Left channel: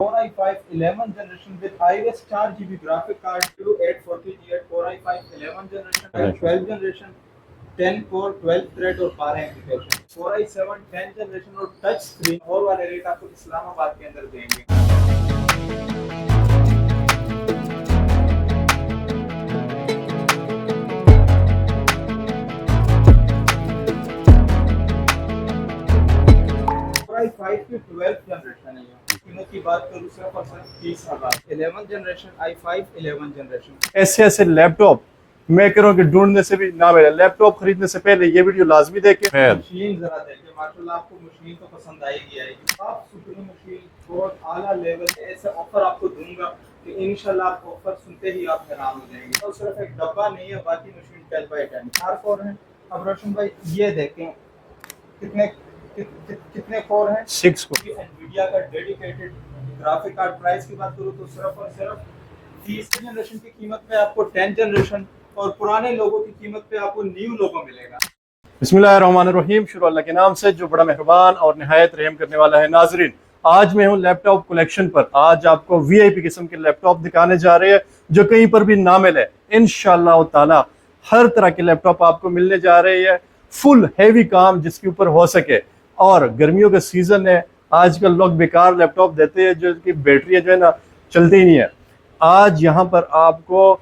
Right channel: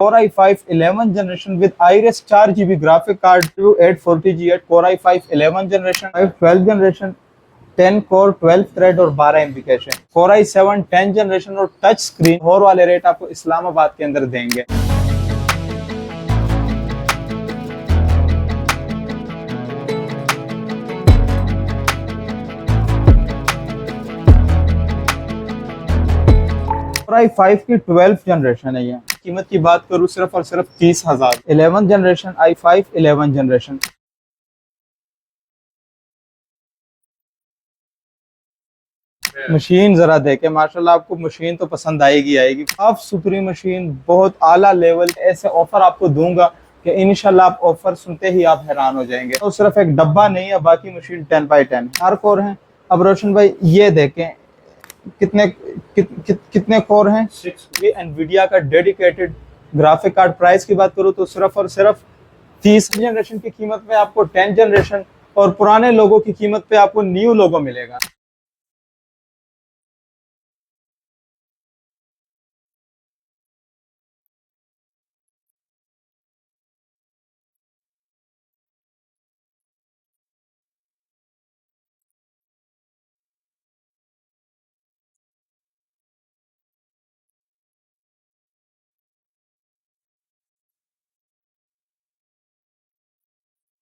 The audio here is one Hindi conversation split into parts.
Core i5 11 generation with Iris 4 GB graphic card, 840G at Core i5 11 generation, 12 generation, 10 core 12 thread और 12 एमबी कैश है। Core i7 10 जनरेशन और टच स्क्रीन और वाले रेट आपको इस्लामाबाद के अंदर देंगे। Core i5 की 12 जनरेशन है। ये कीमत की बात करूँ सिर्फ और सिर्फ 30,000। 11 जनरेशन i5 11 जनरेशन। ऐसे लैपटॉप मैं कह रहा हूँ कि ढूंढने से भी ना मिले। लैपटॉप खरीदने से पहले ये वीडियो लाजमी देखें। मशीन जरा देखें, माशाल्लाह आपको मशीन तो पसंद आएगी। काफ सुपरी मशीन, बहुत आला लेवल। ऐसे ऑफर आपको दूंगा कि इंशाल्लाह आप ऑफर सुनते ही आप हैरान हो जाएंगे। तो सिर्फ एक डब्बा नहीं है, बाकी मशीन 10x10 4 कोर हैं। अब रोशन भाई ये देखें कितने कोर हैं? 6 कोर। ये एनवीडिया का डेडिकेटेड ग्राफिक कार्ड। प्राइस की बात करूँ तो सिर्फ और सिर्फ 30 जनरेशन की कीमत में आपको 10 जनरेशन और पुराने लोगों की कीमत पे आपको न्यू लोगो मिलेगा। बिस्मिल्लाहिर्रहमानिर्रहीम। शुरू अल्लाह के नाम से जो बड़ा मेहरबान और निहायत रहम करने वाला है। नाजरीन, आज मैं हूँ लैपटॉप कलेक्शन पर। आज आपको वीआईपी किस्म के लैपटॉप दिखाने जा रहे हैं जो कहीं पर भी ना मिले। इंशाअल्लाह ताला हर तरह के लैपटॉप आपको मिलने जा रहे हैं। फुल हैवी काम जिसके ऊपर हो सके। और गर्मियों का सीजन है, आजकल लोग बेकार लैपटॉप देते हैं जो कि बैटरी जो है ना चलती ही नहीं है। आज यहाँ पर आपको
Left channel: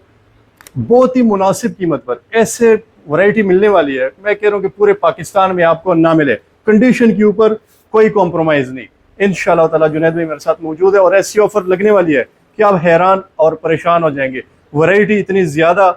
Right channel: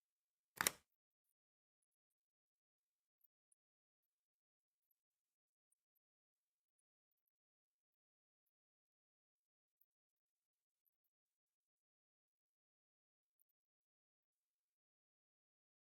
बहुत ही मुनासिब कीमत पर ऐसे वैरायटी मिलने वाली है। मैं कह रहा हूँ कि पूरे पाकिस्तान में आपको ना मिले। कंडीशन के ऊपर कोई कॉम्प्रोमाइज़ नहीं। इंशाअल्लाह ताला जुनैद भाई मेरे साथ मौजूद है और ऐसी ऑफर लगने वाली है कि आप हैरान और परेशान हो जाएंगे। वैरायटी इतनी ज़्यादा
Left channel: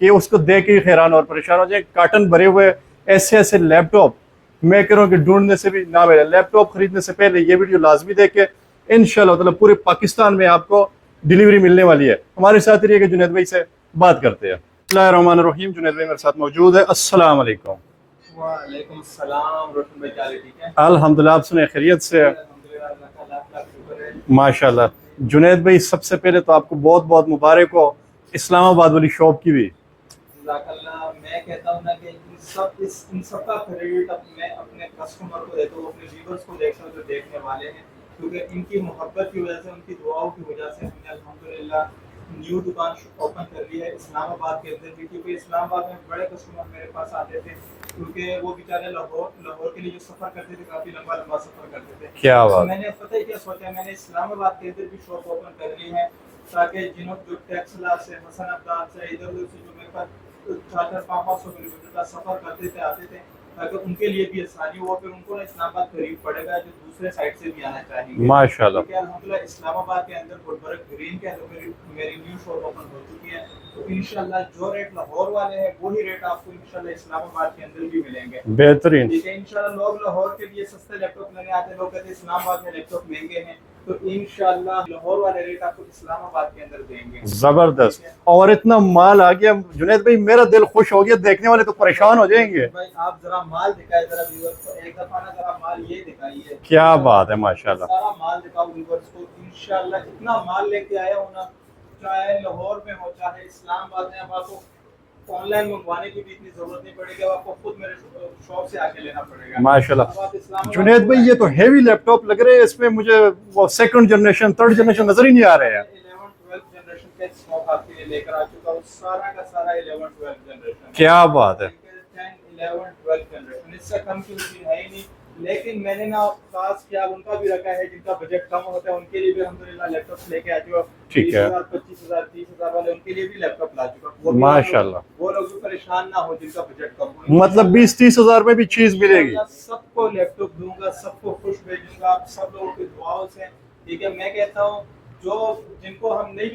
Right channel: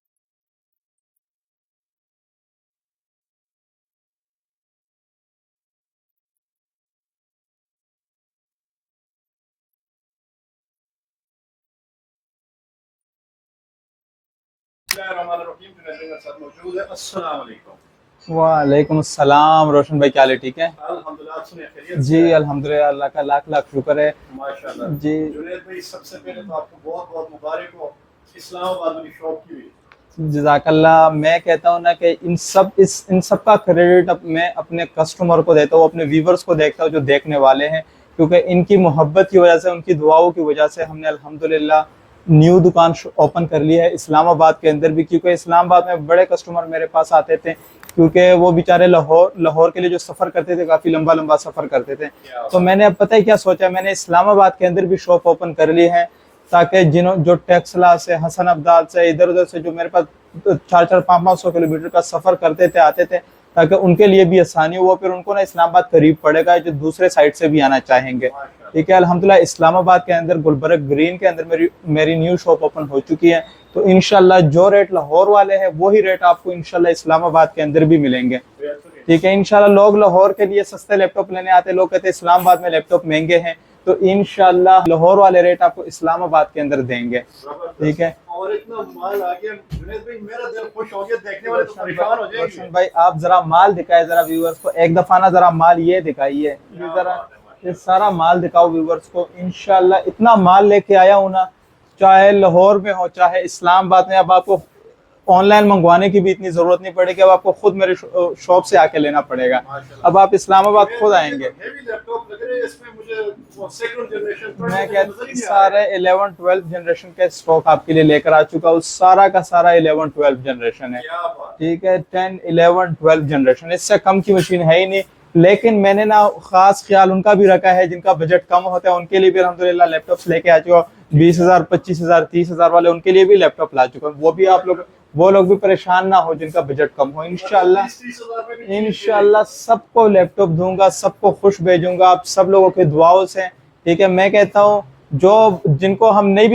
कि उसको देख के हैरान और परेशान हो जाएंगे। कार्टन भरे हुए ऐसे लैपटॉप मैं कह रहा हूँ कि ढूंढने से भी ना मिले। लैपटॉप खरीदने से पहले ये वीडियो लाजमी देखे। इंशाअल्लाह ताला पूरे पाकिस्तान में आपको डिलीवरी मिलने वाली है। हमारे साथ रहिएगा, जुनैद भाई से बात करते हैं। बिस्मिल्लाहिर्रहमानिर्रहीम। जुनैद भाई मेरे साथ मौजूद है। अस्सलाम वालेकुम। वालेकुम अस्सलाम। रोशन भाई क्या हाल है? ठीक है अल्हम्दुलिल्लाह। आप सुने खैरियत से? अल्हम्दुलिल्लाह, अल्लाह का लाख लाख शुक्र है। माशाल्लाह जी जुनैद भाई, सबसे पहले तो आपको बहुत बहुत मुबारक हो इस्लामाबाद वाली शॉप की भी। जज़ाकल्लाह। मैं कहता हूँ ना कि इन सब का क्रेडिट मैं अपने कस्टमर को देता हूँ, अपने व्यूवर्स को देखता हूँ जो देखने वाले हैं, क्योंकि इनकी मोहब्बत की वजह से, उनकी दुआओं की वजह से हमने अल्हम्दुलिल्लाह न्यू दुकान ओपन कर ली है इस्लामाबाद के अंदर भी। क्योंकि इस्लामाबाद में बड़े कस्टमर मेरे पास आते थे, क्योंकि वो बेचारे लाहौर के लिए जो सफ़र करते थे, काफ़ी लंबा सफ़र करते थे। तो मैंने अब पता है क्या सोचा, मैंने इस्लामाबाद के अंदर भी शॉप ओपन कर ली है, ताकि जो टेक्सला से, हसन अब्दाल से, इधर उधर से जो मेरे पास 400-500 किलोमीटर का सफ़र करते थे, आते थे, ताकि उनके लिए भी आसानी हो। फिर उनको ना इस्लामाबाद करीब पड़ेगा जो दूसरे साइड से भी आना चाहेंगे। माशाल्लाह। ठीक है, अल्हम्दुलिल्लाह इस्लामाबाद के अंदर गुलबर्ग ग्रीन के अंदर मेरी न्यू शॉप ओपन हो चुकी है। तो इंशाल्लाह जो रेट लाहौर वाले हैं वही रेट आपको इंशाल्लाह इस्लामाबाद के अंदर भी मिलेंगे। बेहतरीन। ठीक है, इंशाल्लाह लोग लाहौर के लिए सस्ते लैपटॉप लेने आते हैं, लोग कहते हैं इस्लामाबाद में लैपटॉप महंगे हैं, तो इंशाल्लाह लाहौर वाले रेट आपको इस्लामाबाद के अंदर देंगे। जबरदस्त। ठीक है, और इतना माल आ गया जुनैद भाई, मेरा दिल खुश हो गया। देखने वाले तो परेशान हो जाएंगे। भाई आप जरा माल दिखाए जरा व्यूअर्स को, एक दफा ना जरा माल ये दिखाइए। क्या बात है, माशाल्लाह। सारा माल दिखाओ व्यूअर्स को। इंशाल्लाह इतना माल लेके आया हूँ ना, चाहे लाहौर में हो चाहे इस्लामाबाद में। अब आपको ऑनलाइन मंगवाने की भी इतनी जरूरत नहीं पड़ेगी, अब आपको खुद मेरे शॉप से आके लेना पड़ेगा। माशाल्लाह। अब आप इस्लामाबाद ये तो हेवी लैपटॉप लग रहे हैं। इसमें मुझे वो सेकंड जनरेशन, थर्ड जनरेशन नजर ही नहीं आ रहे हैं। 11-12 जनरेशन का स्टॉक आपके लिए लेकर आ चुका हूँ। सारा का सारा 11-12 जनरेशन है। क्या बात है। ठीक है, 10-11-12 जनरेशन, इससे कम की मशीन है ही नहीं। लेकिन मैंने ना खास ख्याल उनका भी रखा है जिनका बजट कम होता है, उनके लिए भी अल्हम्दुलिल्लाह लैपटॉप्स लेके आ चुका हूँ। 20,000, 25,000, 30,000 वाले, उनके लिए भी लैपटॉप ला चुका हूँ। वो लोग भी परेशान ना हो जिनका बजट कम हो। मतलब 20-30 हजार में भी चीज मिलेगी। सबको लैपटॉप दूंगा, सबको खुश भेजूंगा, आप सब लोगों के दुआओं से। ठीक है, मैं कहता हूँ जिनको हम नहीं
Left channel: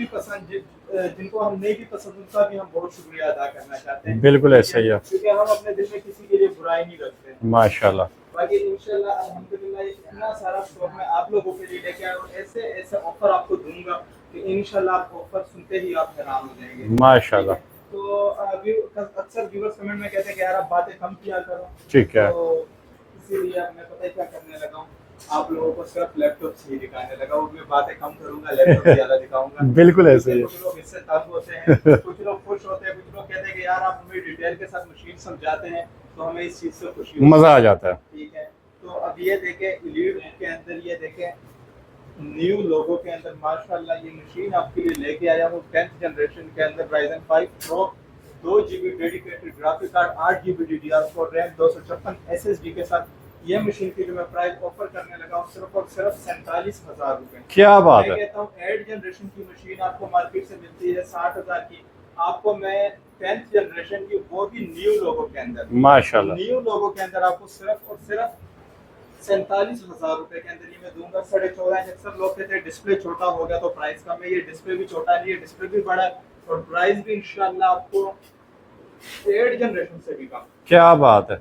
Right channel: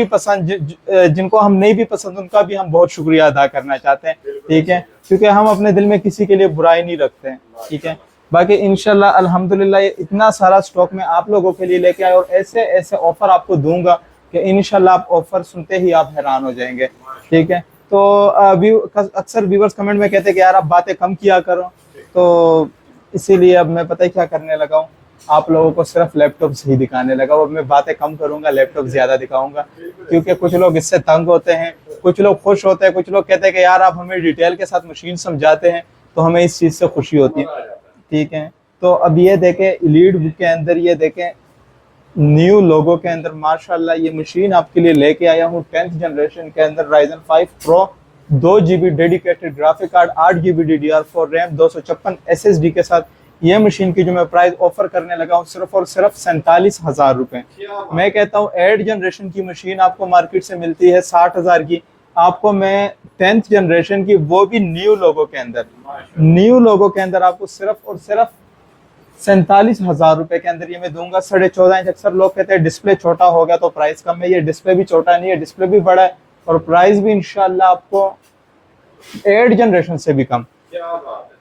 भी पसंद उनका भी हम बहुत शुक्रिया अदा करना चाहते हैं। बिल्कुल ऐसा ही है, क्योंकि हम अपने दिल में किसी के लिए बुराई नहीं रखते हैं। माशाल्लाह। बाकी इंशाल्लाह अल्हम्दुलिल्लाह इतना सारा स्टॉक में आप लोगों के लिए लेके आए और ऐसे ऑफर आपको दूंगा कि इंशाल्लाह आप ऑफर सुनते ही आप हैरान हो जाएंगे। ठीक है, तो अक्सर व्यूअर्स कमेंट में कहते हैं कि यार आप बातें कम किया करो। तो इसीलिए अब मैं पता है क्या करने लगा हूँ, आप लोगों को सिर्फ लैपटॉप ही दिखाने लगा और मैं बातें कम करूंगा, लैपटॉप ज्यादा दिखाऊंगा। बिल्कुल, क्योंकि कुछ लोग इससे तंग होते हैं, कुछ लोग खुश होते हैं, कुछ लोग कहते हैं कि यार आप हमें डिटेल के साथ मशीन समझाते हैं, तो हमें इस चीज से खुशी होती है, मजा आ जाता है। ठीक है, तो अब ये देखें एलीट बुक के अंदर, ये देखें न्यू लोगो के अंदर माशाल्लाह ये मशीन आपके लिए लेके आया हूँ 10th जनरेशन के अंदर Ryzen 5 Pro 2 GB dedicated graphic card 8 GB DDR4 RAM 256 SSD के साथ ये मशीन की जो मैं प्राइस ऑफर करने लगा हूँ सिर्फ और सिर्फ 47,000 रुपए। क्या बात मैं है। कहता हूँ 8 जनरेशन की मशीन आपको मार्केट से मिलती है 60,000 की, आपको मैं 10th जनरेशन की वो भी न्यू लोगो के अंदर माशाल्लाह न्यू लोगो के अंदर आपको सिर्फ और सिर्फ 47,000 रुपए के अंदर ये मैं दूंगा। 14.5 इंच, अक्सर लोग कहते हैं डिस्प्ले छोटा हो गया तो प्राइस कम है, ये डिस्प्ले भी छोटा नहीं है, डिस्प्ले भी बड़ा है और प्राइस भी इंशाल्लाह आपको 8 जनरेशन से भी कम। क्या बात है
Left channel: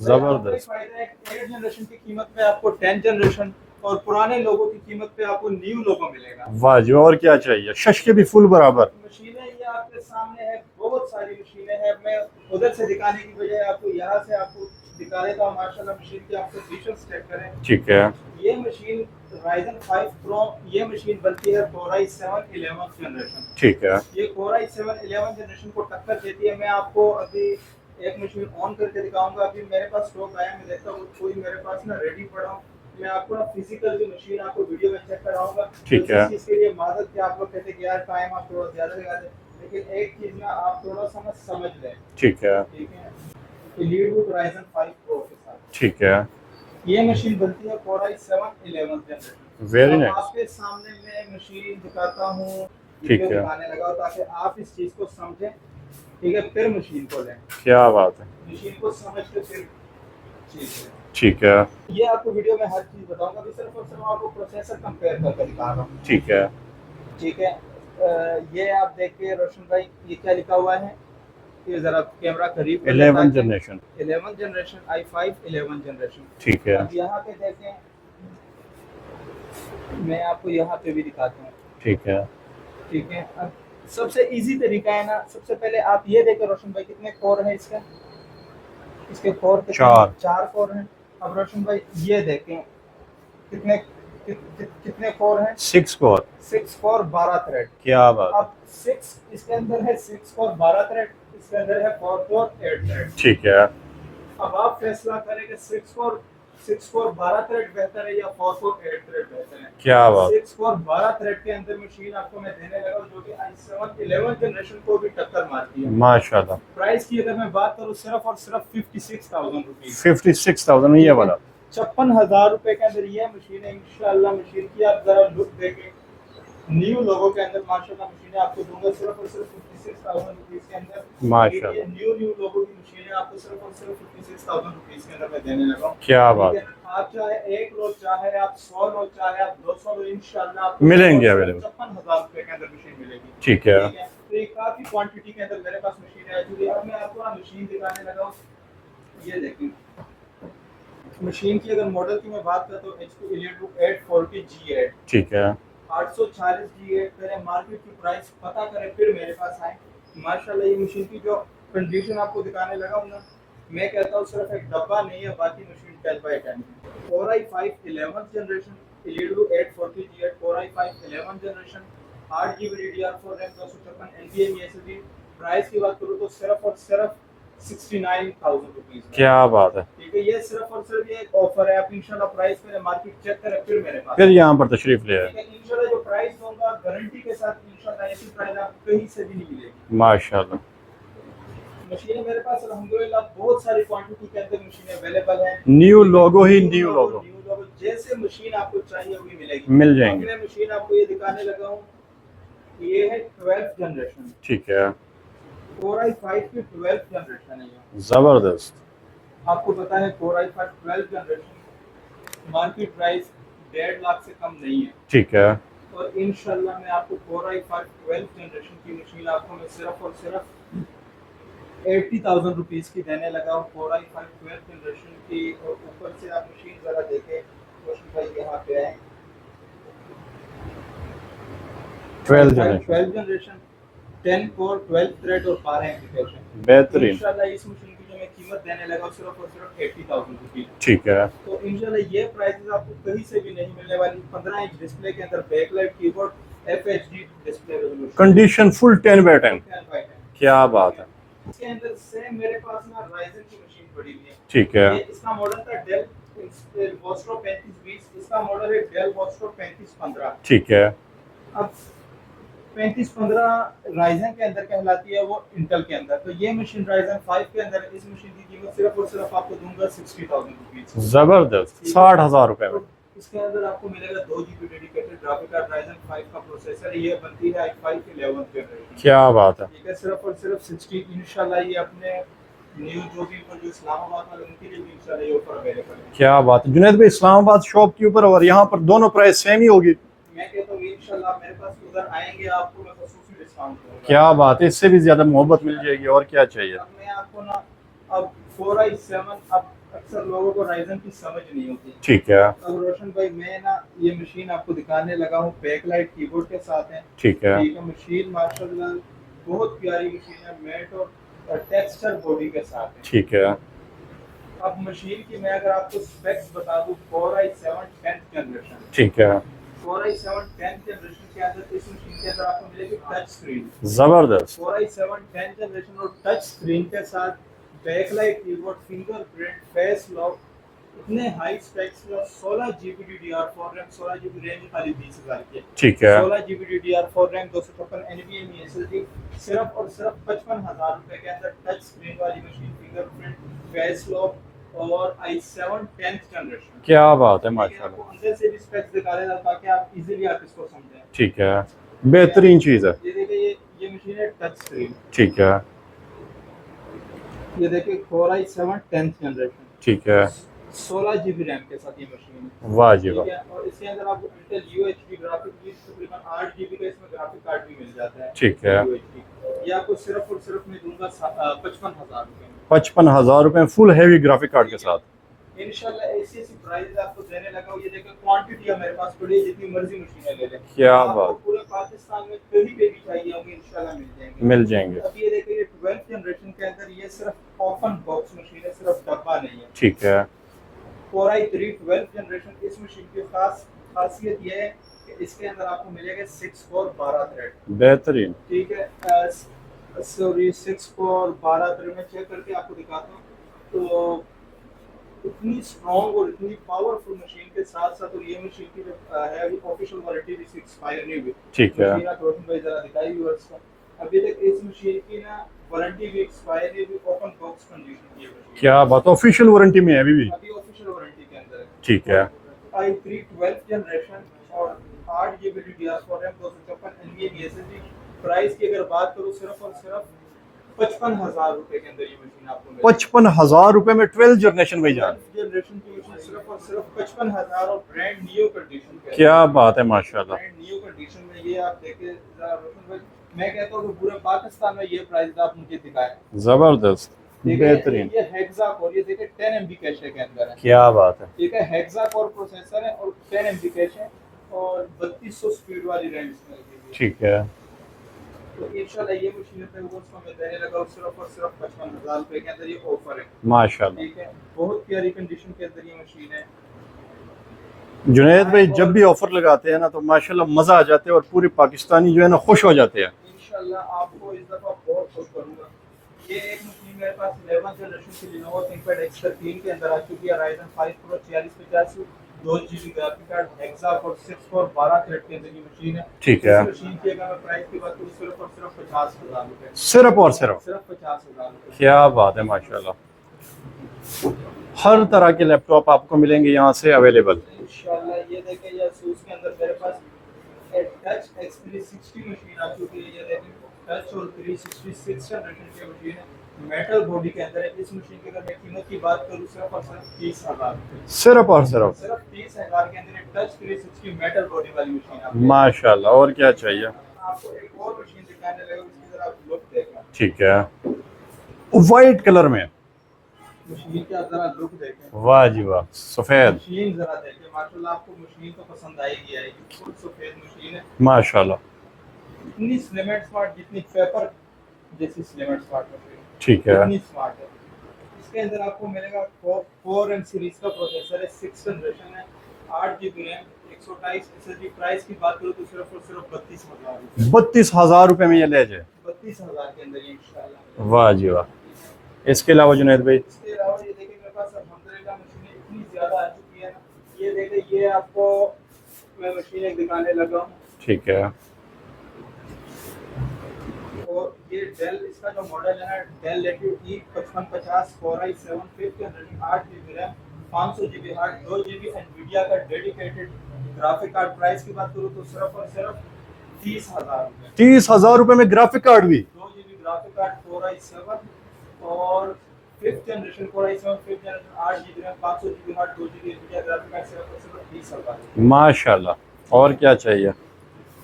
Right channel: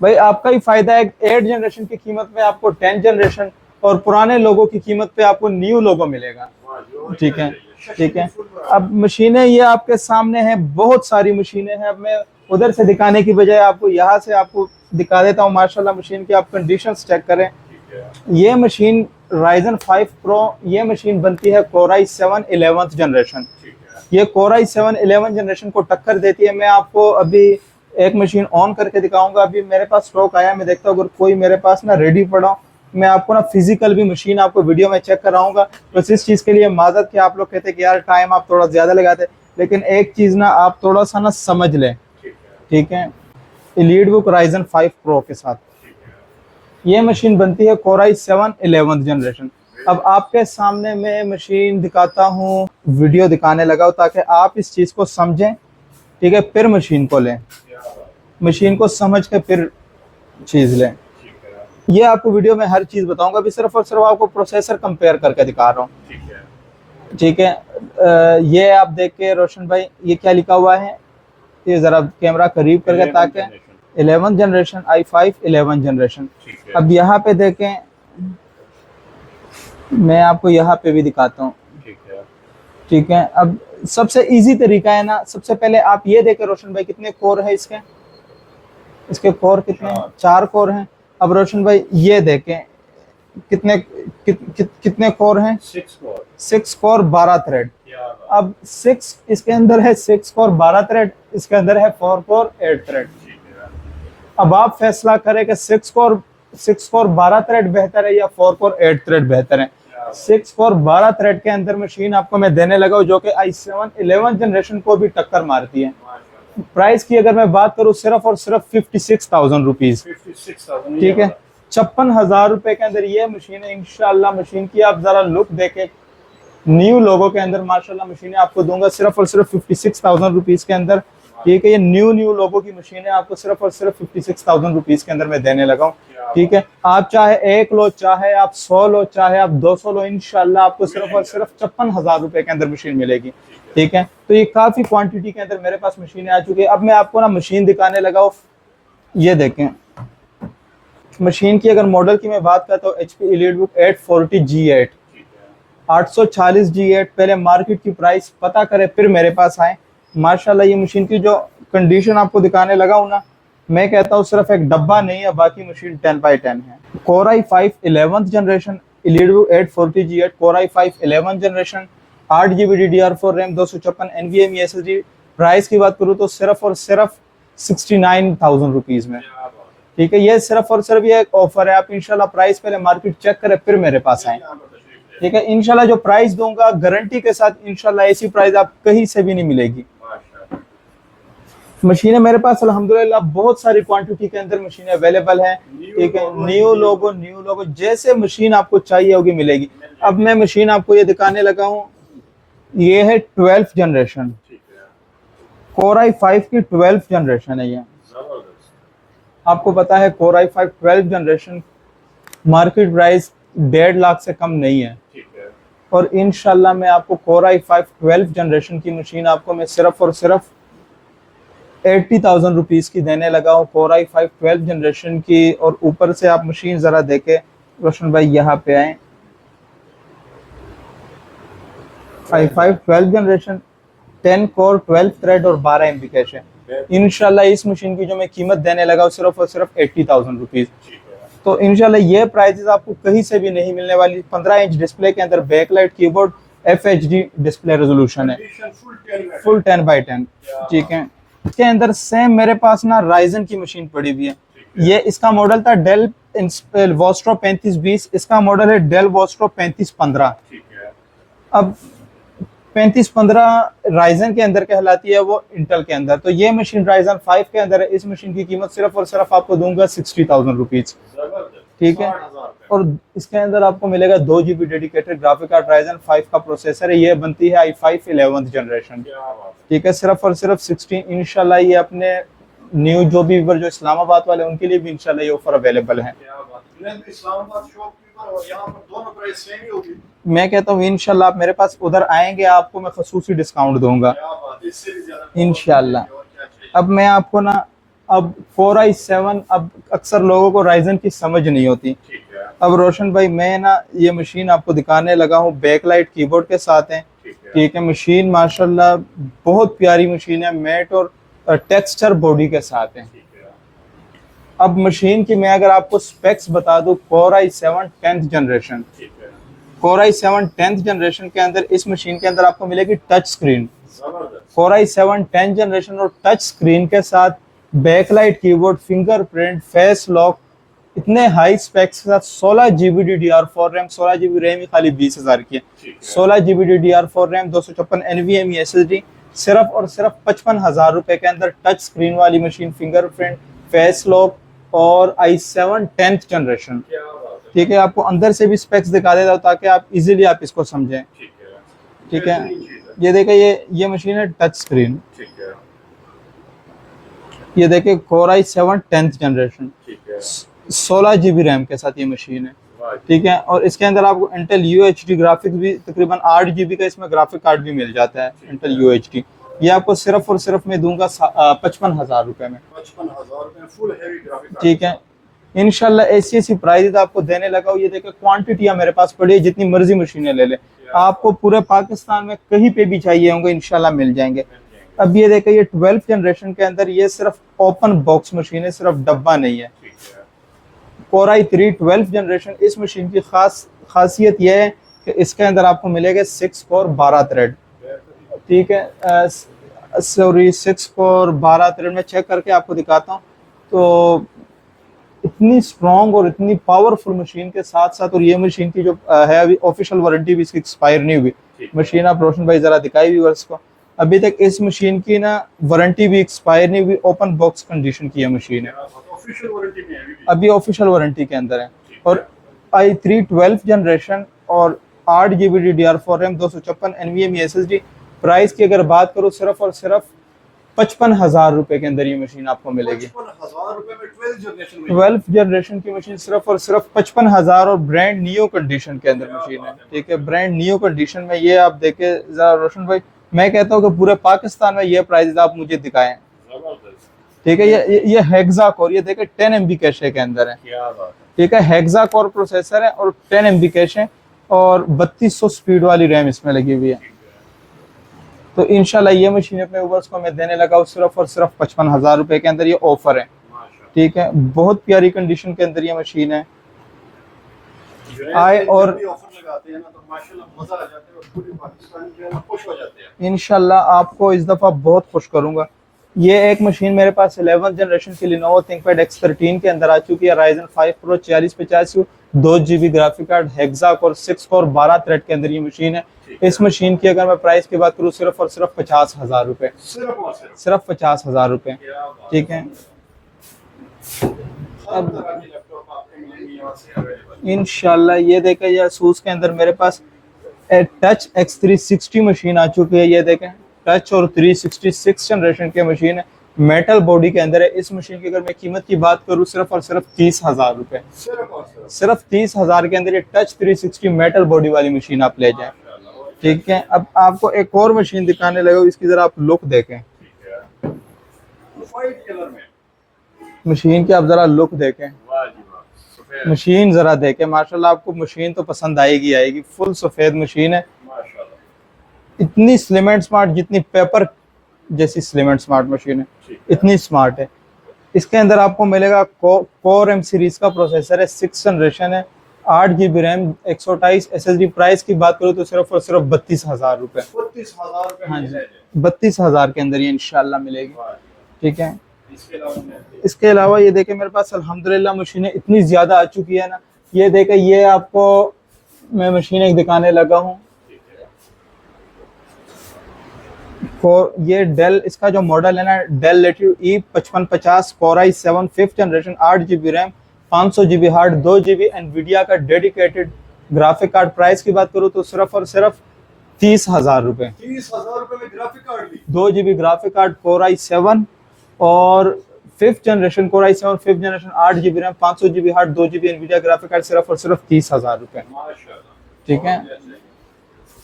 भाई जबरदस्त। आपका ही फायदा है, 8 जनरेशन की कीमत में आपको 10 जनरेशन और पुराने लोगों की कीमत पे आपको न्यू लोगो मिलेगा। वाह जी, और क्या ठीक है, चाहिए, शश ठीक के भी है। फुल बराबर। अब मशीनें ये आपके सामने हैं, बहुत सारी मशीनें हैं। अब मैं उधर से दिखाने की बजाय आपको यहाँ से आपको दिखा देता हूँ। माशाल्लाह मशीन की आप कंडीशंस चेक करें। ठीक है, ये मशीन Ryzen 5 Pro ये मशीन बनती है Core i7 11th जनरेशन। ठीक है, ये Core i7 11th जनरेशन को टक्कर देती है। मैं आपको अभी एक मशीन ऑन करके दिखाऊंगा, अभी मेरे पास स्टॉक आया, मैं देखता हूँ अगर कोई मेरे पास ना रेडी पड़ा हो, मैं आपको ना फिजिकल भी मशीन आपको वीडियो में चेक कराऊंगा। ठीक बस इस है। चीज के लिए माजरत कि आप लोग कहते हैं कि यार टाइम आप थोड़ा ज्यादा लगाते हैं, लेकिन एक चीज ना आप थोड़ा सा ना समझ लें। ठीक है, ठीक है, एलीट बुक Ryzen 5 Pro के साथ ठीक है। ये मशीन बनती है Core i7 11th generation. Very अब nice. आपके सामने मैं मशीन दिखाता हूँ, वीडियो ठीक है। दिखाने लगा हूं ताकि आप इस चीज को समझें। ठीक है, फिर मशीन को लें, क्या बात है। मशीन को समझ के फिर चीज लें। ठीक है, ये आपको वीडियो में हर चीज बताऊंगा, अभी सिर्फ और सिर्फ आपको प्रोसेसर कंपेयर करके दिखा रहा हूँ। ठीक है, ठीक है, ये आप देख के रोशन भाई ये क्या लिखा हुआ है, ये जरा कैमरा करीब कर ले 11 ताकि जनरेशन। 11 generation i5 11 generation. ठीक है, अब यहाँ पे देखें, मैं आपको यहाँ पे भी दिखाता हूँ। ठीक है, ठीक है, अब सबसे इजी तरीका है ना, सबसे पहले आप ये देखें रोशन भाई कितने कोर है इसके, इसके कोर कितने? 4 कोर हैं। अब रोशन भाई ये देखें कितने कितने कोर हैं? 6 कोर। 6 core 12 thread. क्या बात। अब 6 इसके अंदर है 6 कोर 12 थ्रेड, इसके अंदर है 4 कोर 8 थ्रेड। ठीक है, अब आप फैसला करें कि 6 कोर 12 थ्रेड बेहतर है या 4 कोर 8 थ्रेड बेहतर है। क्या बात। 6 कोर 12 थ्रेड के अंदर मशीन आपको मैं देने लगा हूं जो कि i7 11 जनरेशन को भी टक्कर मारती है। माशाल्लाह। प्राइस की अगर मैं बात करूं सिर्फ और सिर्फ 56,000 रुपीज, 56,000 ये ठीक है, वाला। 56,000 रुपए के अंदर ये मशीन है। इंशाल्लाह मशीन की आप जरा लुक देखें, न्यू लोगो के अंदर माशाल्लाह मशीनें आपको दूंगा सिर्फ और सिर्फ 56,000 रुपीज के अंदर। ठीक है, ये न्यू लोगो की मशीन है, आपको सिर्फ और सिर्फ 56,000 रुपीज के अंदर मैं देने लगा हूँ। क्या ठीक है, आप चाहे 1 लो, चाहे आप 100 लो, चाहे आप 200 लो, इंशाल्लाह आपको मिलेंगे, सिर्फ मिलेंगे। 56,000 रुपए के अंदर मशीन मिलेगी। ठीक है, ठीक है, तो ये काफी क्वांटिटी के अंदर मेरे पास मशीनें आ चुकी है। अब मैं आपको ना मशीन दिखाने लगा हूँ, ये देखें मशीन की अगर मॉडल की मैं बात करता हूँ HP EliteBook 840G8। ठीक है, 840G8 पहले मार्केट की प्राइस पता करें फिर मेरे पास आए। माशाल्लाह ये मशीन की जो कंडीशन आपको दिखाने लगा हूँ ना, मैं कहता हूँ सिर्फ एक डब्बा नहीं है, बाकी मशीन 10x10 है। Core i5 11th generation EliteBook 840G8 Core i5 11th generation 8 GB DDR4 RAM 256 NVMe SSD। Price की बात करूँ तो सिर्फ और सिर्फ 69,000 रुपीज में। क्या बात है। ठीक है, ये सिर्फ और सिर्फ ये एक ऑफर है। आप इंशाल्लाह प्राइस पहले मार्केट चेक करें फिर मेरे पास फिर आएं। यहाँ पर तशरीफ ले आए। ठीक है, इंशाल्लाह जो प्राइस दूंगा गारंटी के साथ, इंशाल्लाह ऐसी प्राइस आप कहीं से भी नहीं मिलेगी। माशाल्लाह। मशीनें मेरे पास अल्हम्दुलिल्लाह बहुत सारी क्वांटिटी के अंदर मशीनें अवेलेबल हैं। न्यू लोगो ही न्यू लोगो। लोगो जैसे मशीन आपको चाहिए होगी मिलेगी, मिल जाएगी। अब मैं मशीन आपको ये दिखाने लगा हूँ, ये है 12th जनरेशन, ठीक है, Core i5 की 12th जनरेशन है। ये जबरदस्त। आपको पता है Core i5 12th generation market price 1.5 lakh से कम नहीं है। ठीक है, और इंशाल्लाह मैं आपको Core i5 12th जनरेशन की मशीन आपको मैं सिर्फ और सिर्फ 80,000 रुपीज की देने लगा हूँ Core i5 12th जनरेशन की। और ऊपर से आप मशीन जरा देखे रोशन भाई, यहाँ पे आए, i5 12th generation 10 core 12 thread और 12 MB कैश है। बेहतरीन। इंशाल्लाह इस मशीन की जो मैं कीमत देने लगा हूँ सिर्फ और सिर्फ 80,000 रुपीज। ठीक है, तो इंशाल्लाह ये प्राइसेस आपको कहीं से भी नहीं मिलने वाली। 15 इंच डिस्प्ले के अंदर backlight keyboard FHD display resolution, condition full 10/10। Full 10x10। क्या ठीक बात है, इसके अंदर सेम मेरे पास ना राइजन की मशीन पड़ी हुई है। ठीक है। ये इसका मॉडल था डेल वोस्ट्रो 3520, इसका मॉडल है डेल वोस्ट्रो 3515। ठीक है। अब 3515 राइजन के अंदर कहलाती है, वो इंटेल के अंदर। तो ये मशीन राइजन 5 के अंदर है। इस मशीन की कीमत सिर्फ और सिर्फ आपको दूंगा 60,000 रुपीज। जबरदस्त, ठीक है। 60,000 रुपए। और इसके अंदर आपको मिलेगा 2 GB dedicated graphic card, Ryzen 5 का प्रोसेसर है। ये बनती है i5 11th जनरेशन। क्या बात है। ठीक है, सिर्फ और सिर्फ 16। इंशाल्लाह ये अपने न्यू जो भी व्यूअर जो इस्लामाबाद वाले उनके लिए भी इंशाल्लाह ये ऑफर अवेलेबल है। क्या बात है जुनैद भाई, इस्लामाबाद शॉप के ऊपर और यहाँ पर दोनों प्राइस सेम ही होगी? मैं कहता हूँ इंशाल्लाह आप मेरे पास उधर आएंगे, आपको मैं खसूसी डिस्काउंट दूंगा। क्या बात है, इससे भी ज्यादा मोहब्बत मिल इंशाल्लाह। जाएगी, और क्या चाहिए। अब मैं आपको ना, अब 4 i7, अब अक्सर लोगों को राइजन की समझ नहीं होती। ठीक है। अब रोशन भाई मैं ना ये मशीन आपको दिखाने लगा हूँ, बैकलाइट कीबोर्ड के साथ है। ठीक है। ठीक है, मशीन माशाल्लाह बहुत प्यारी मशीन है, मैट और टेक्सचर बॉडी के साथ है। ठीक है। अब मशीन की मैं अगर आपको स्पेक्स बता दूं, Core i7 10th जनरेशन। ठीक है। Core i7 10th जनरेशन के अंदर इस मशीन के अंदर आपको मिलेगी टच स्क्रीन। जबरदस्त। Core i7 10th जनरेशन और टच स्क्रीन के साथ backlight keyboard, fingerprint, face lock, इतने हाई स्पेक्स के साथ 16 GB DDR4 RAM, 16 GB RAM ही खाली 20,000 की है। ठीक है। 16 GB DDR4 RAM, 256 NVMe SSD, सिर्फ और सिर्फ 55,000 रुपए के अंदर टच स्क्रीन वाली मशीन, फिंगरप्रिंट, फेस लॉक और i7 10th जनरेशन। क्या बात है। ठीक है, आपको अंदर से भी स्पेक्स दिखा देता हूं ताकि आप इजीली आप इसको समझें। ठीक है, बेहतरीन चीज है। ये देखिए, ये मशीन है टच स्क्रीन। ठीक है। ये देखिए Core i7 10th जनरेशन, ठीक है। 16 GB रैम के साथ ये मशीन है। वाह जी। ठीक है, और इसके अंदर आपको इंटेल UHD ग्राफिक्स भी तकरीबन 8 GB का इसमें ग्राफिक कार्ड भी मिल जाता है। ठीक इंटेल है। UHD ये आपको सिर्फ और सिर्फ मैं दूंगा 55,000 रुपए में। 55,000 रुपए फुल हैवी ग्राफिक कार्ड के ठीक है, साथ। इंशाल्लाह ऐसी प्राइस आपको देने लगा हूं। ये देखिए क्वांटिटियां मेरे पास पड़ी है, जितनी मर्जी मशीनें ले ले। क्या आपको बात। पूरे पाकिस्तान में कहीं पे भी चाहिए होंगे इंशाल्लाह मिल जाएंगे। मिल जाएंगे। अब ये देखिए, ये 12th जनरेशन के अंदर ये सिर्फ ओपन बॉक्स मशीन है, सिर्फ डब्बा नहीं है। ठीक है। Core i3 12th जनरेशन, इस मशीन की खासियत यह है कि इसके अंदर आपको मिलेगा 6 कोर 12 थ्रेड। बेहतरीन। ठीक है, सॉरी 6 कोर 12 थ्रेड में चेक करके आपको दिखाता हूँ। तो इतनी स्ट्रॉन्ग और इतनी पावरफुल मशीन के साथ साथ, और ये मशीन की जो है अभी ऑफिशियल वारंटी भी इसकी एक्सपायर नहीं हुई। ठीक है। मशीन आप रोशन भाई जरा दिखाई व्यूअर्स को, अभी तक इस मशीन की ना वारंटी भी एक्सपायर नहीं हुई, ओपन बॉक्स कंडीशन की है मशीन। क्या बात, ऑफिशियल वारंटी में है अभी भी? अभी ऑफिशियल वारंटी के अंदर है। ठीक और है। i3 12th जनरेशन और 8 GB DDR4 RAM, 256 NVMe SSD। Price की अगर बात करूं, सिर्फ और सिर्फ 55,000 रुपए के अंदर ये मशीन आपको मिलेगी। 55,000 रुपए में 12th जनरेशन में? 12th जनरेशन की मशीन सिर्फ और सिर्फ 55,000 और ब्रांड न्यू कंडीशन के अंदर। क्या बात है, माशाल्लाह। ब्रांड न्यू कंडीशन में ये आप देखे जरा रोशन भाई, मैं कहता हूँ कि पूरे पाकिस्तान में ये प्राइस आप मुझे दिखाएं। जबरदस्त। ठीक है, ये हेक्सा कोर, ये देखे 10 MB कैशे के अंदर है। क्या बात है। ठीक है, हेक्सा कोर प्रोसेसर है और 10 MB कैश है और 3200 स्पीड वाली रैम इसमें लगी हुई है। ठीक है। तो इंशाल्लाह ये मशीन अपने व्यूअर्स को मैं देने लगा हूँ सिर्फ और सिर्फ 55,000 रुपए के अंदर, ये ऑफर है। माशाल्लाह। ठीक है, बहुत प्यारी कंडीशन के अंदर ये मशीन है। जुनैद भाई और जब भी ऑफर लगाते हैं ना तो माशाल्लाह मजा आ जाते हैं और पूरे पाकिस्तानी जो है ना खुश हो जाते हैं। इंशाल्लाह आपको इस दफा बहुत खुश करूंगा। ये एक मशीन मेरे पास 11th जनरेशन की Lenovo ThinkPad X13 के अंदर आ चुकी है, Ryzen 5 Pro 4050, 2 GB graphic card, hexa core 6 core 12 thread के अंदर ये मशीन है। ठीक इस है। मशीन की अगर मैं प्राइस की बात करूँ, सिर्फ और सिर्फ 50,000 रुपए। सिर्फ और सिर्फ 50,000 रुपए। क्या बात है, ठीक है। माशाल्लाह। हर तरह के लैपटॉप आपको मिलेंगे यहाँ से अवेलेबल इंशाल्लाह। ये देखें, ये ASUS के अंदर मेरे पास टच X360 मशीन आ चुकी है। ये देखें, टच और 366 जनरेशन की मशीन है, मेटल बॉडी के अंदर है। इस मशीन की अगर मैं कीमत की बात करूँ, सिर्फ और सिर्फ 30,000 रुपए। सिर्फ और सिर्फ 30,000 के अंदर ये टच 360 मेटल बॉडी वाली मशीन आप ले जाएं। माशाल्लाह। और क्या ठीक है, चाहिए। अब आपको एक और मशीन दिखाने लगा, इसकी जरा आप लुक देखें। ठीक है, व्हाइट कलर में मशीन की आप जरा लुक देखें। वाह जी वाह, सफेद। मशीन जरा देखें, माशाल्लाह आपको मशीन तो पसंद आएगी। फुल सफेद मशीन है, माशाल्लाह। इतनी स्लिम एंड स्मार्ट, जितनी पेपर जैसी स्लिम एंड स्मार्ट मशीन है, ठीक है। इतनी स्मार्ट है। इसके अंदर आपको मिलेगा कोर M सीरीज का प्रोसेसर है, 6th जनरेशन है, 8 GB रैम 128 SSD। प्राइस की बात करूँ तो सिर्फ और सिर्फ 32,000 रुपए। 32,000 रुपए में हाँ ये जी। ले जाए। 32,000 के अंदर ये इंशाल्लाह मिलेगी। वाह जी वाह। ठीक है। इसके अलावा जुनैद भाई? इसके अलावा ये देखें मेरे पास अल्हम्दुलिल्लाह मशीनें इतनी ज्यादा आ चुकी है ना, ये देखें, ये आपको मैं मशीन एक दिखाने लगा हूँ। ठीक है। और ये डेल, इसका जो मॉडल है ना, Dell Latitude E5550 Core i7 5th generation, 8 GB RAM, 500 GB hard, 2 GB Nvidia का डेडिकेटेड ग्राफिक कार्ड। प्राइस की बात करूँ तो सिर्फ और सिर्फ 30,000 रुपए। 30,000 रुपए में ग्राफिक कार्ड भी? 2 GB graphic card, Core i7 और 5th generation Core i7 5th generation, 8 GB RAM, 500 GB hard, 2 GB Nvidia graphic card, सिर्फ और सिर्फ 30,000 रुपए। माशाल्लाह। ठीक और है। क्या चाहिए?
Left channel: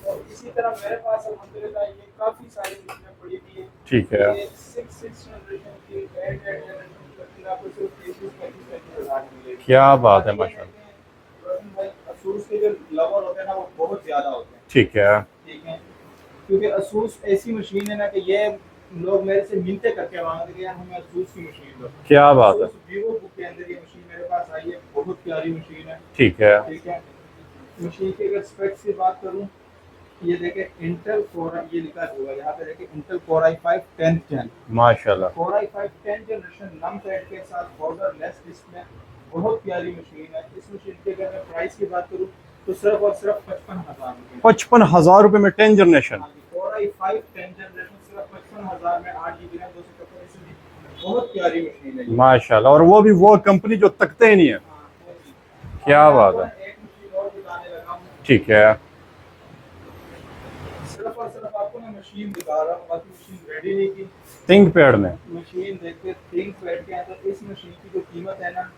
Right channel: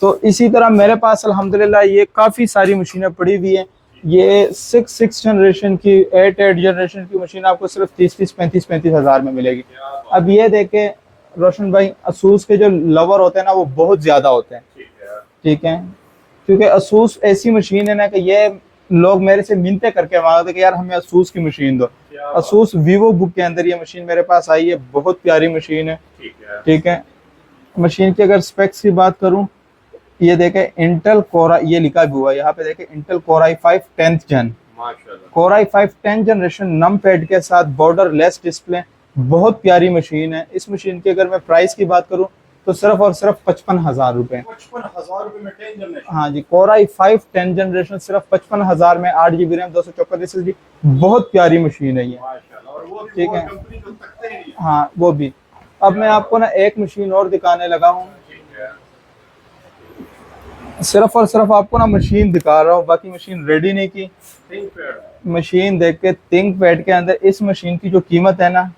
तो इसी तरह मेरे पास अल्हम्दुलिल्लाह ये काफी सारी मशीनें पड़ी हुई हैं। ठीक ये है। 6 जनरेशन की, 8 जनरेशन की मशीन आपको सिर्फ 35 हजार में मिलेगी। क्या बात अब है ये भाई। देखे रोशन भाई, असूस के जो लवर होते हैं ना, वो बहुत ज्यादा होते हैं। ठीक है। ठीक है। क्योंकि असूस ऐसी मशीन है ना कि ये लोग मेरे से मिन्नतें करके मांगते कि यार हमें असूस की मशीन दो। क्या बात है। असूस वीवो बुक के अंदर ये मशीन मेरे पास आई है, बहुत प्यारी मशीन है। ठीक है। ठीक है। मशीन की अगर स्पेक्स की बात करूं, ये देखे इंटेल कोरा, ये लिखा भी हुआ है यहाँ पे, देखे इंटेल Core i5 10th जन। माशाल्लाह। Core i5 10th जनरेशन, नम पैड के साथ, बॉर्डर लेस डिस्प्ले, बहुत प्यारी मशीन है। इस मशीन की अगर मैं प्राइस की बात करूं तो सिर्फ और सिर्फ 55,000 रुपए। 55,000 रुपए में 10 जनरेशन? हाँ जी, Core i5 10th जनरेशन सिर्फ 55,000 में, 8 GB रैम, 254 SSD, बहुत प्यारी मशीन है ये। माशाल्लाह। और वो भी ठीक वो है। कंपनी जो तकते ही नहीं है। हाँ वो भी। अब क्या मैं बात आपको है। ना एक मशीन और दिखाने लगा हूँ। ठीक है। सिर्फ और सिर्फ आपको ना मशीन दिखा रहा हूँ, बाकी मशीन रेडी नहीं की। थिंक पैड में मशीन देख के, थिंक पैड के अंदर इस मशीन की जो कीमत है ना,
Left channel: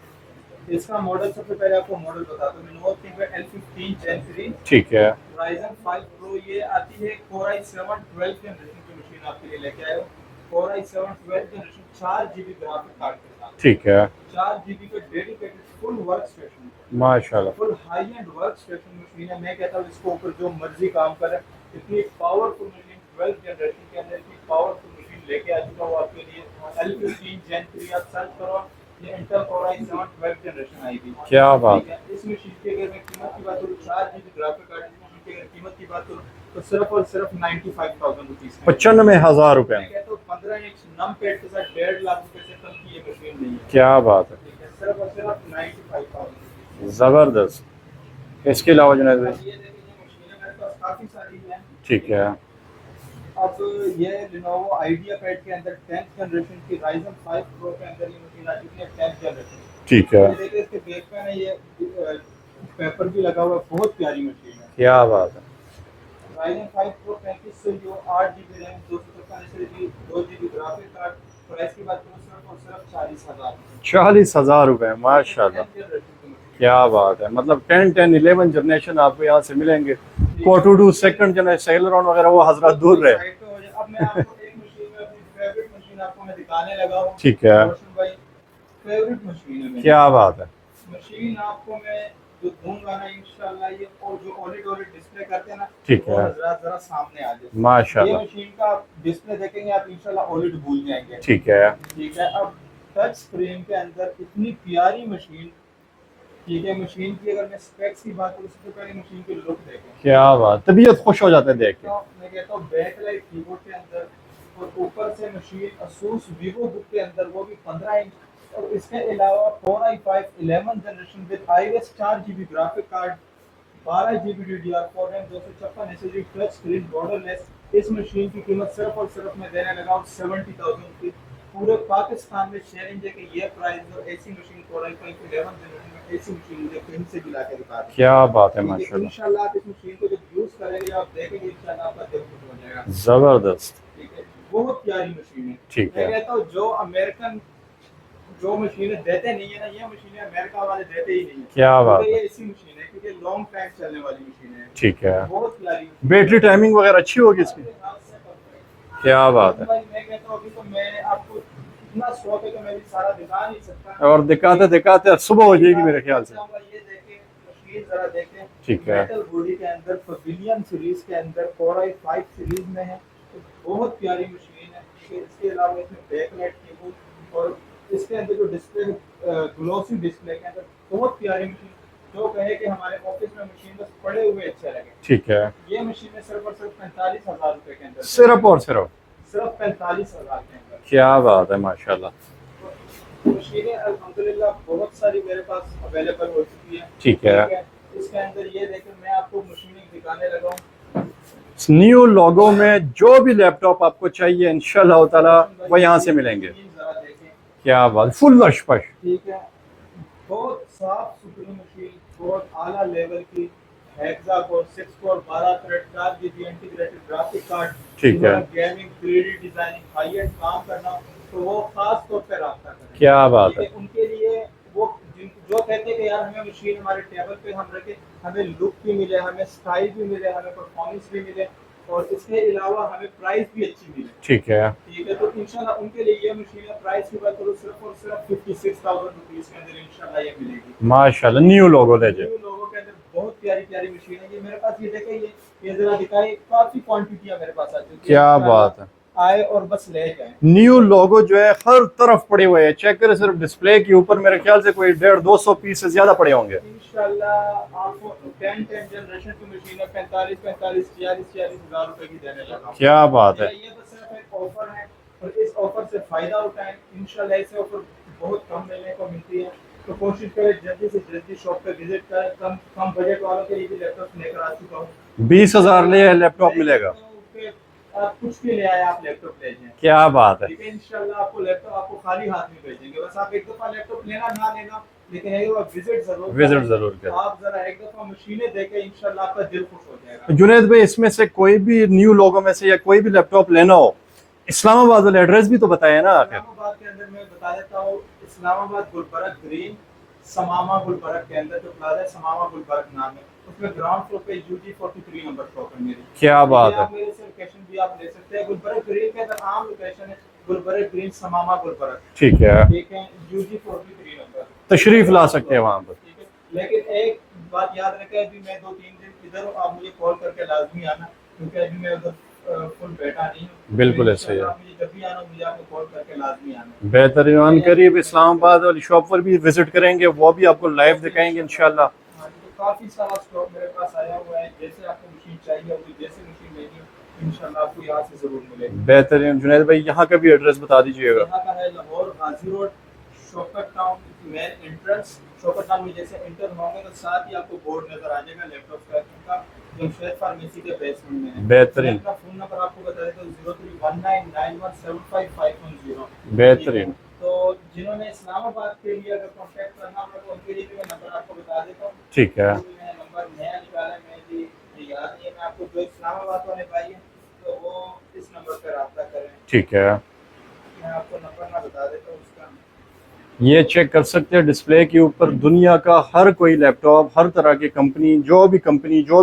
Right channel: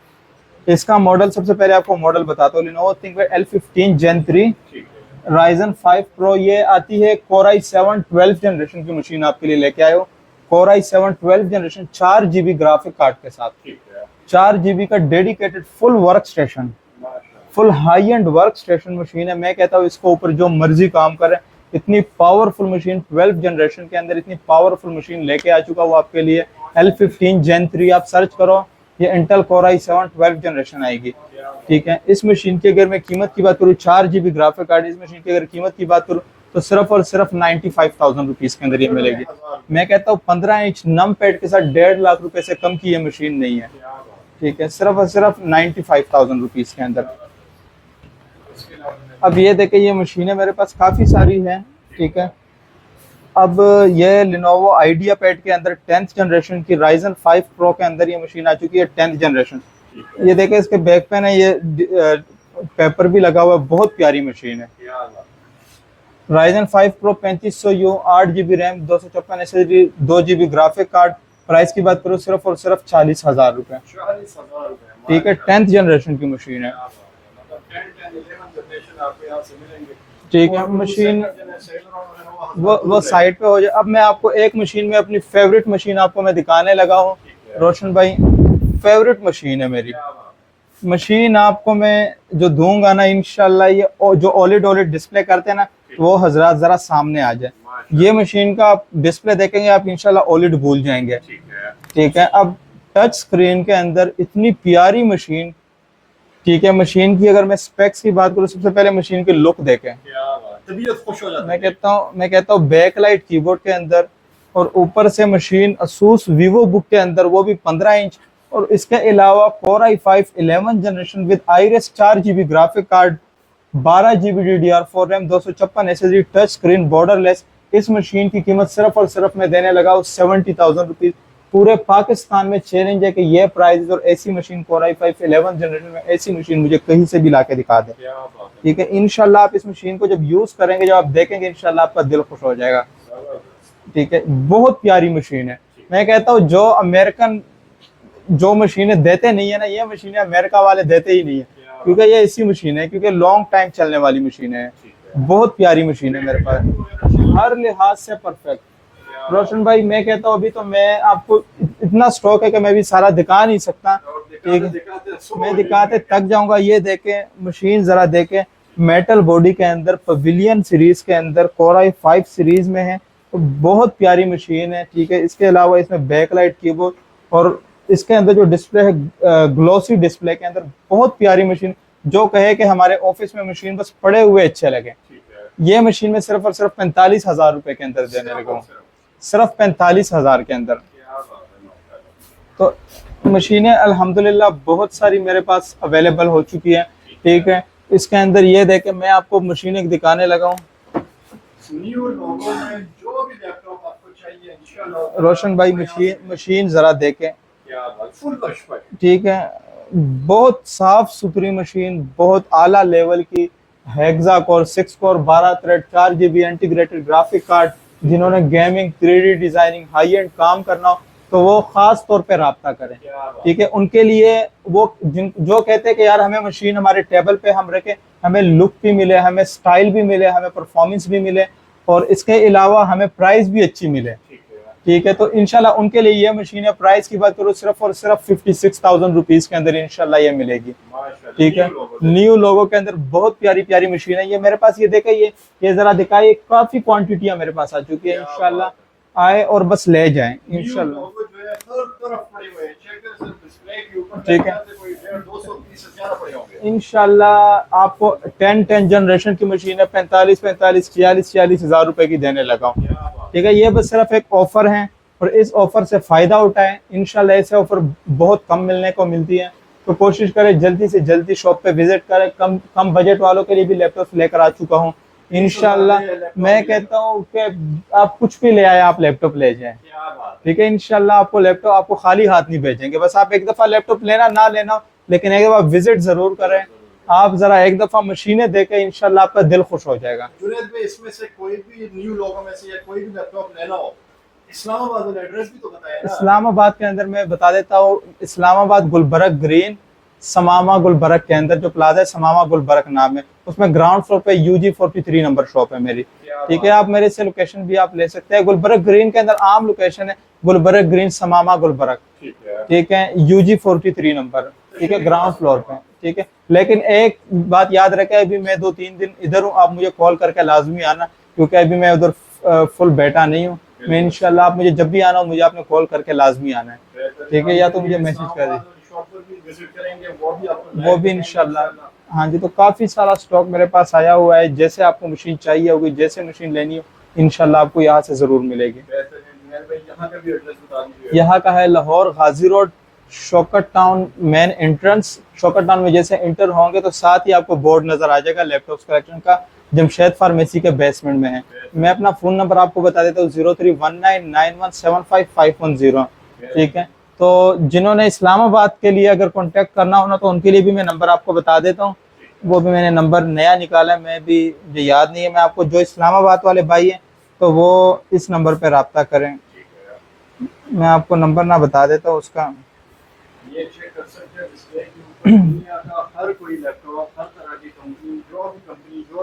इसका मॉडल सबसे पहले आपको मॉडल बताता हूँ। Lenovo ThinkPad L15 Gen 3 ठीक है। Ryzen 5 Pro, ये आती है। Core i7 12th जनरेशन की मशीन आपके लिए लेके आए हो। Core i7 12th generation, 4 GB graphic card के साथ, ठीक है। 4 GB का डेडिकेटेड फुल वर्क स्टेशन, माशाल्लाह। Full high and work station machine है। मैं कहता हूँ इसको ऊपर जो मर्जी काम करे, इतनी पावरफुल मशीन 12th जनरेशन के अंदर, इतनी पावरफुल मशीन लेके आ चुका वो आपके लिए। L15 Gen 3 आप सर्च करो, ये Intel Core i7 12th generation आएगी। क्या बात। ठीक है। इस मशीन की अगर मैं कीमत की बात करूँ, 4 GB ग्राफिक कार्ड, इस मशीन की अगर कीमत की बात करूँ तो सिर्फ और सिर्फ 95,000 रुपीज के अंदर ये मिलेगी। 95,000 रुपए। मैं कहता हूँ 15 इंच नम पैड के साथ 1.5 लाख रुपए से कम की ये मशीन नहीं है। क्या बात है। ठीक है। सिर्फ और सिर्फ 95,000 रुपीज के अंदर। जबरदस्त। इसके अलावा जुनैद भाई? अब ये देखे, ये मशीनें मेरे पास काफी सारी हैं। ठीक है। अब ये Lenovo IdeaPad के अंदर 10th जनरेशन की Ryzen 5 Pro के अंदर ये मशीन आ चुकी है, 10th जनरेशन। ठीक है। ये देखे, इसके बैक पे ना ये पेपर भी लगा हुआ है, बहुत प्यारी मशीन है। क्या बात है। Ryzen 5 Pro 3500U, 8 GB RAM, 256 SSD, 2 GB graphic card. Price की बात करूँ सिर्फ और सिर्फ 40,000 रुपए। 40,000 रुपए। ठीक है। माशाल्लाह। 10th जनरेशन की मशीन है। क्या बात है। मतलब 10, 11 जनरेशन आपको यहाँ से मिलेंगे। ठीक है। 42 मशीन- सेकंड जनरेशन सेलरॉन वगैरह वो हजरत वो दूर रहे। साइड पे हो जाए। अब मैं आपको एक मशीन में अपनी फेवरेट मशीन आपको मैं दिखाने लगा हूँ। ठीक है। रोशन भाई, फेवरेट मशीन है मेरी। क्या बात है। मशीन आपको मैं जो दूंगा ना इंशाल्लाह, ये जो OLED डिस्प्ले करते हैं ना, ठीक वो है। हजरात जरा सामने आ जाए। माशाल्लाह। ये मशीन का आप डिस्प्ले देखेंगे, आप इंशाल्लाह OLED भूल जाएंगे। ठीक है। ठीक है। अब टच स्क्रीन के अंदर इतनी प्यारी मशीन। ठीक है। मशीन की अगर मैं स्पेक्स की बात करूँ, सबसे पहले मशीन की लुक देखें। क्या बात। तबीयत खुश हो जाता है देख। मैं कहता हूँ बैकलाइट कीबोर्ड के अंदर, और ऊपर से मशीन Asus Vivo बुक के अंदर, वो भी 15 इंच। और इसके अलावा Core i5 11th generation with Iris 4 GB graphic card, 12 GB DDR4 RAM, 256 SSD, touch screen, borderless. इस मशीन की कीमत सिर्फ और सिर्फ मैं देने लगा हूँ 70,000 रुपीज। पूरे पाकिस्तान में चैलेंज है कि ये प्राइस और ऐसी machine Core i5 11th generation में ऐसी मशीन मुझे कहीं से भी लाके दिखा दे। क्या बात है। ठीक है। इंशाल्लाह आप इस मशीन को जब यूज करेंगे, जब आप देखेंगे, इंशाल्लाह आपका दिल खुश हो जाएगा। जबरदस्त। ठीक है। बहुत प्यारी मशीन है। ठीक मैं है। कहता हूँ जो अमेरिकन जो मशीनें देते नहीं है ना, ये मशीनें अमेरिका वाले देते ही नहीं है। क्या बात। क्योंकि ये ऐसी मशीन है, क्योंकि लॉन्ग टाइम चलने वाली मशीन है। ठीक है। बहुत प्यारी मशीन है। बैटरी टाइमिंग वगैरह अच्छी होगी। हर लिहाज से परफेक्ट। क्या बात रोशन है। भाई, मैं कहता हूँ अभी तो मैं आपको इतना स्टॉक है कि मैं भी सारा दिखा नहीं सकता। और दिखाते दिखाते सुबह हो मैं जाएगी दिखाते मेरे ख्याल थक से। जाऊंगा। ये देखें मशीन, जरा देखें। ठीक है। मेटल बॉडी के अंदर, पवेलियन सीरीज के अंदर, Core i5 सीरीज में है, तो बहुत प्यारी मशीन है। ठीक है। इसके अलावा इसमें बैकलाइट कीबोर्ड, और इसके अंदर जो डिस्प्ले है ग्लोसी डिस्प्ले के अंदर, बहुत प्यारी मशीन। जो कहे कि हमारे ऑफिस में मशीन बस पड़े हुए अच्छे लगे, ठीक है, ये मशीन में सिर्फ और सिर्फ 45,000 रुपए के अंदर देने सिर्फ लगा और हूं। सिर्फ। सिर्फ 45,000 के अंदर। क्या बात है, माशाल्लाह। तो मशीनें अल्हम्दुलिल्लाह बहुत सारी मेरे पास अवेलेबल हो चुकी हैं। ठीक है। ठीक है, इसके अंदर ये देखे मैं आपको मशीनें दिखाने लगा हूँ। न्यू लोगो में जो भी लैपटॉप आपको चाहिए इंशाल्लाह ताला रोशन भाई वो यहाँ से मशीन मिलेंगे। मशीन जरा देखें। क्या बात, फुल लशपश। ठीक है, बहुत साफ सुथरी मशीन, बहुत आला लेवल की, hexa core 6 core 12 thread 4 GB integrated graphic card. ठीक जिन्होंने है। Gaming 3D designing high and काम करना हो तो वो खास तौर पे राब्ता करें। क्या बात ठीक है, उनके लिए वो जो कहते हैं कि यार हमें मशीन हमारे टेबल पे हम रखें, हमें लुक भी मिले, हमें स्टाइल भी मिले, हमें परफॉर्मेंस भी मिले और इसके अलावा हमें प्राइस भी अच्छी मिले। ठीक है। ठीक है, तो इंशाल्लाह उनके लिए ये मशीन है। प्राइस की बात करूँ सिर्फ और सिर्फ 56,000 रुपीज के अंदर इंशाल्लाह ये मिलेगी। माशाल्लाह, ठीक है, न्यू लोगो न्यू लोगो के अंदर बहुत प्यारी प्यारी मशीन है ये मेरे पास। ये देखा, ये जरा दिखाई, काफी क्वांटिटियां मेरे पास आ चुकी है। क्या इंशाल्लाह बात है। आए और बस ले जाएं। न्यू लोगो जो है हर तरफ पड़े हुए हैं, चेक करें सिर्फ डिस्प्ले के ऊपर मेरे ख्याल से कोई 150-200 पीस से ज्यादा पड़े होंगे। इंशाल्लाह आपको 10 जनरेशन की मशीन है 45 46 हजार रुपए की देने लगा हूं। क्या बात ठीक है। है, ये बस सिर्फ एक ऑफर है और इस ऑफर से फायदा उठाएं। इंशाल्लाह ऐसे ऑफर बहुत कम मिलने को मिलती है, तो कोशिश करें जल्दी से जल्दी शॉप पे विजिट करें। कम बजट वालों के लिए भी लैपटॉप लेकर आ चुका हूँ। 20,000 ले लैपटॉप मैं मिलेगा। कहता हूँ कि आप कुछ भी ले आए, आप लैपटॉप ले जाएं। क्या बात है। ठीक है, इंशाल्लाह आपको लैपटॉप आपको खाली हाथ नहीं भेजेंगे। बस आप एक दफा लैपटॉप लेना ना लेना, लेकिन एक दफा विजिट जरूर करें। जरूर करें। आप जरा एक दफा मशीनें देखें, इंशाल्लाह आपका दिल खुश हो जाएगा। जुनैद भाई, इसमें से कोई भी न्यू लोगो में से या कोई भी लैपटॉप लेना हो, इस्लामाबाद वाला एड्रेस भी तो बताया ना। इस्लामाबाद के अंदर मैं बता देता हूँ, इस्लामाबाद गुलबर्ग ग्रीन समामा गुलबर्ग के अंदर जो प्लाजा है, समामा गुलबर्ग नाम है, उसमें ग्राउंड फ्लोर पे UG 43 नंबर शॉप है मेरी। क्या ठीक बात है, है। आप मेरे से लोकेशन भी आप ले सकते हैं। गुलबर्ग ग्रीन के अंदर आम लोकेशन है गुलबर्ग ग्रीन समामा गुलबर्ग। ठीक है। ठीक है, UG 43 नंबर तशरीफ ला सकते हैं वहाँ पर। ठीक है, लेकिन एक बात याद रखें, अभी मैं 2-3 दिन इधर हूँ, आप मुझे कॉल करके लाजमी आना, क्योंकि अभी मैं उधर फुल बैठा नहीं हूँ। मैं इंशाल्लाह आप मुझे जब भी आना हो, मुझे आपने कॉल करके लाजमी आना है। बेहतरीन। ठीक है, या तो करीब मुझे इस्लामाबाद वाली शॉप पर भी विजिट करेंगे, वो भी आपको लाइव वो भी दिखाएंगे इंशाल्लाह। हाँ जी, तो काफी सारा स्टॉक मेरे पास आया हुआ है। जैसे आपको मशीन चाहिए होगी, जैसे मशीन लेनी हो, इंशाल्लाह आपको यहाँ से जरूर मिलेगी। बेहतरीन। जुनैद भाई, यहाँ का भी एड्रेस बता दीजिएगा। यहाँ का है Lahore Ghazi road, Shaukat town main entrance. Shaukat town में जैसे एंटर होंगे तो साथ ही आपको बोर्ड नजर आ जाएगा लैपटॉप कलेक्शन का, जमशेद फार्मेसी के बेसमेंट में है। मैं अपना फोन नंबर आपको बता देता हूँ, 031991755110। ठीक है, तो जिन्होंने इस्लामाबाद के लिए अगर कांटेक्ट करना हो ना, तो उनके लिए भी मैं नंबर आपको बता देता हूँ। ठीक है। वो भी मैंने नंबर नया निकाला है, मैं भी मुझे याद नहीं है। मैं आपको, जो इस्लामाबाद वाले भाई हैं तो वो इस नंबर पे राब्ता करें। ठीक है, मैं आपको नंबर ना बता देता हूँ उसका। ये चेक कर सकते हैं डिस्प्ले के ऊपर, दुनिया का हर कोई लैपटॉप, हर तरह की कंपनी, जो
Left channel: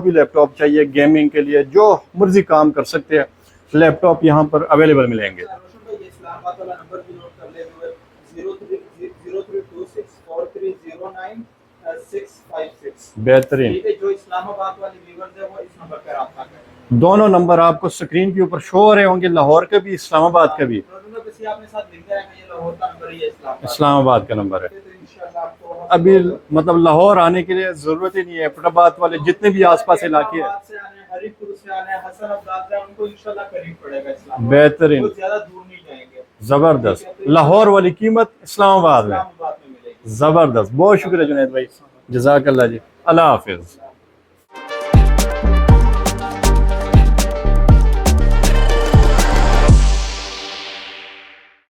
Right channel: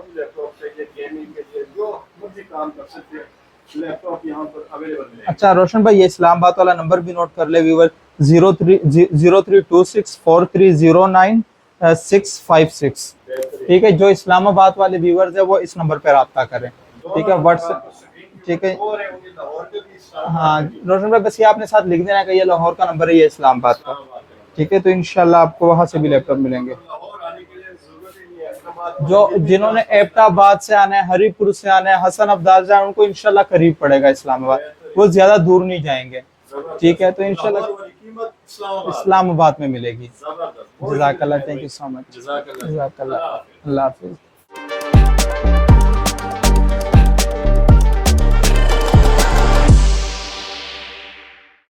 भी लैपटॉप चाहिए गेमिंग के लिए, जो मर्जी काम कर सकते हैं, लैपटॉप यहाँ पर अवेलेबल मिलेंगे। अच्छा रोशन भाई, ये इस्लामाबाद वाला नंबर भी नोट कर ले व्यूवर, 032643095656। बेहतरीन। ठीक है, जो इस्लामाबाद वाले व्यूवर्स है वो इस नंबर पे राब्ता करें। दोनों ठीक है, नंबर WhatsApp- आपको स्क्रीन के ऊपर ठीक है। शो हो रहे होंगे, लाहौर के भी, इस्लामाबाद हाँ, के भी। रोशन भाई बस ये आपने साथ लिख देना कि ये लाहौर का नंबर है, ये इस्लामाबाद का नंबर ठीक है। है, तो इंशाल्लाह आपको वहां से भी अभी लैपटॉप मिलेंगे। मतलब लाहौर आने के लिए जरूरत ही नहीं है। एबटाबाद वाले जो जितने भी जिन्होंने आसपास इलाके हैं, एबटाबाद से आना है, हरीपुर से आना है, हसन अब्दाल से आना है, उनको इंशाल्लाह करीब पड़ेगा इस्लामाबाद। बेहतरीन। वो ज्यादा दूर नहीं जाएंगे। ठीक है, जबरदस्त। तो इंशाल्लाह लाहौर वाली कीमत इस्लामाबाद में मिलेगी। जबरदस्त। बहुत शुक्रिया जज़ाकल्लाह, जुनैद thank भाई, you so much। जज़ाकल्लाह जी। जज़ाकल्लाह। अल्लाह हाफिज। अल्लाह हाफिज।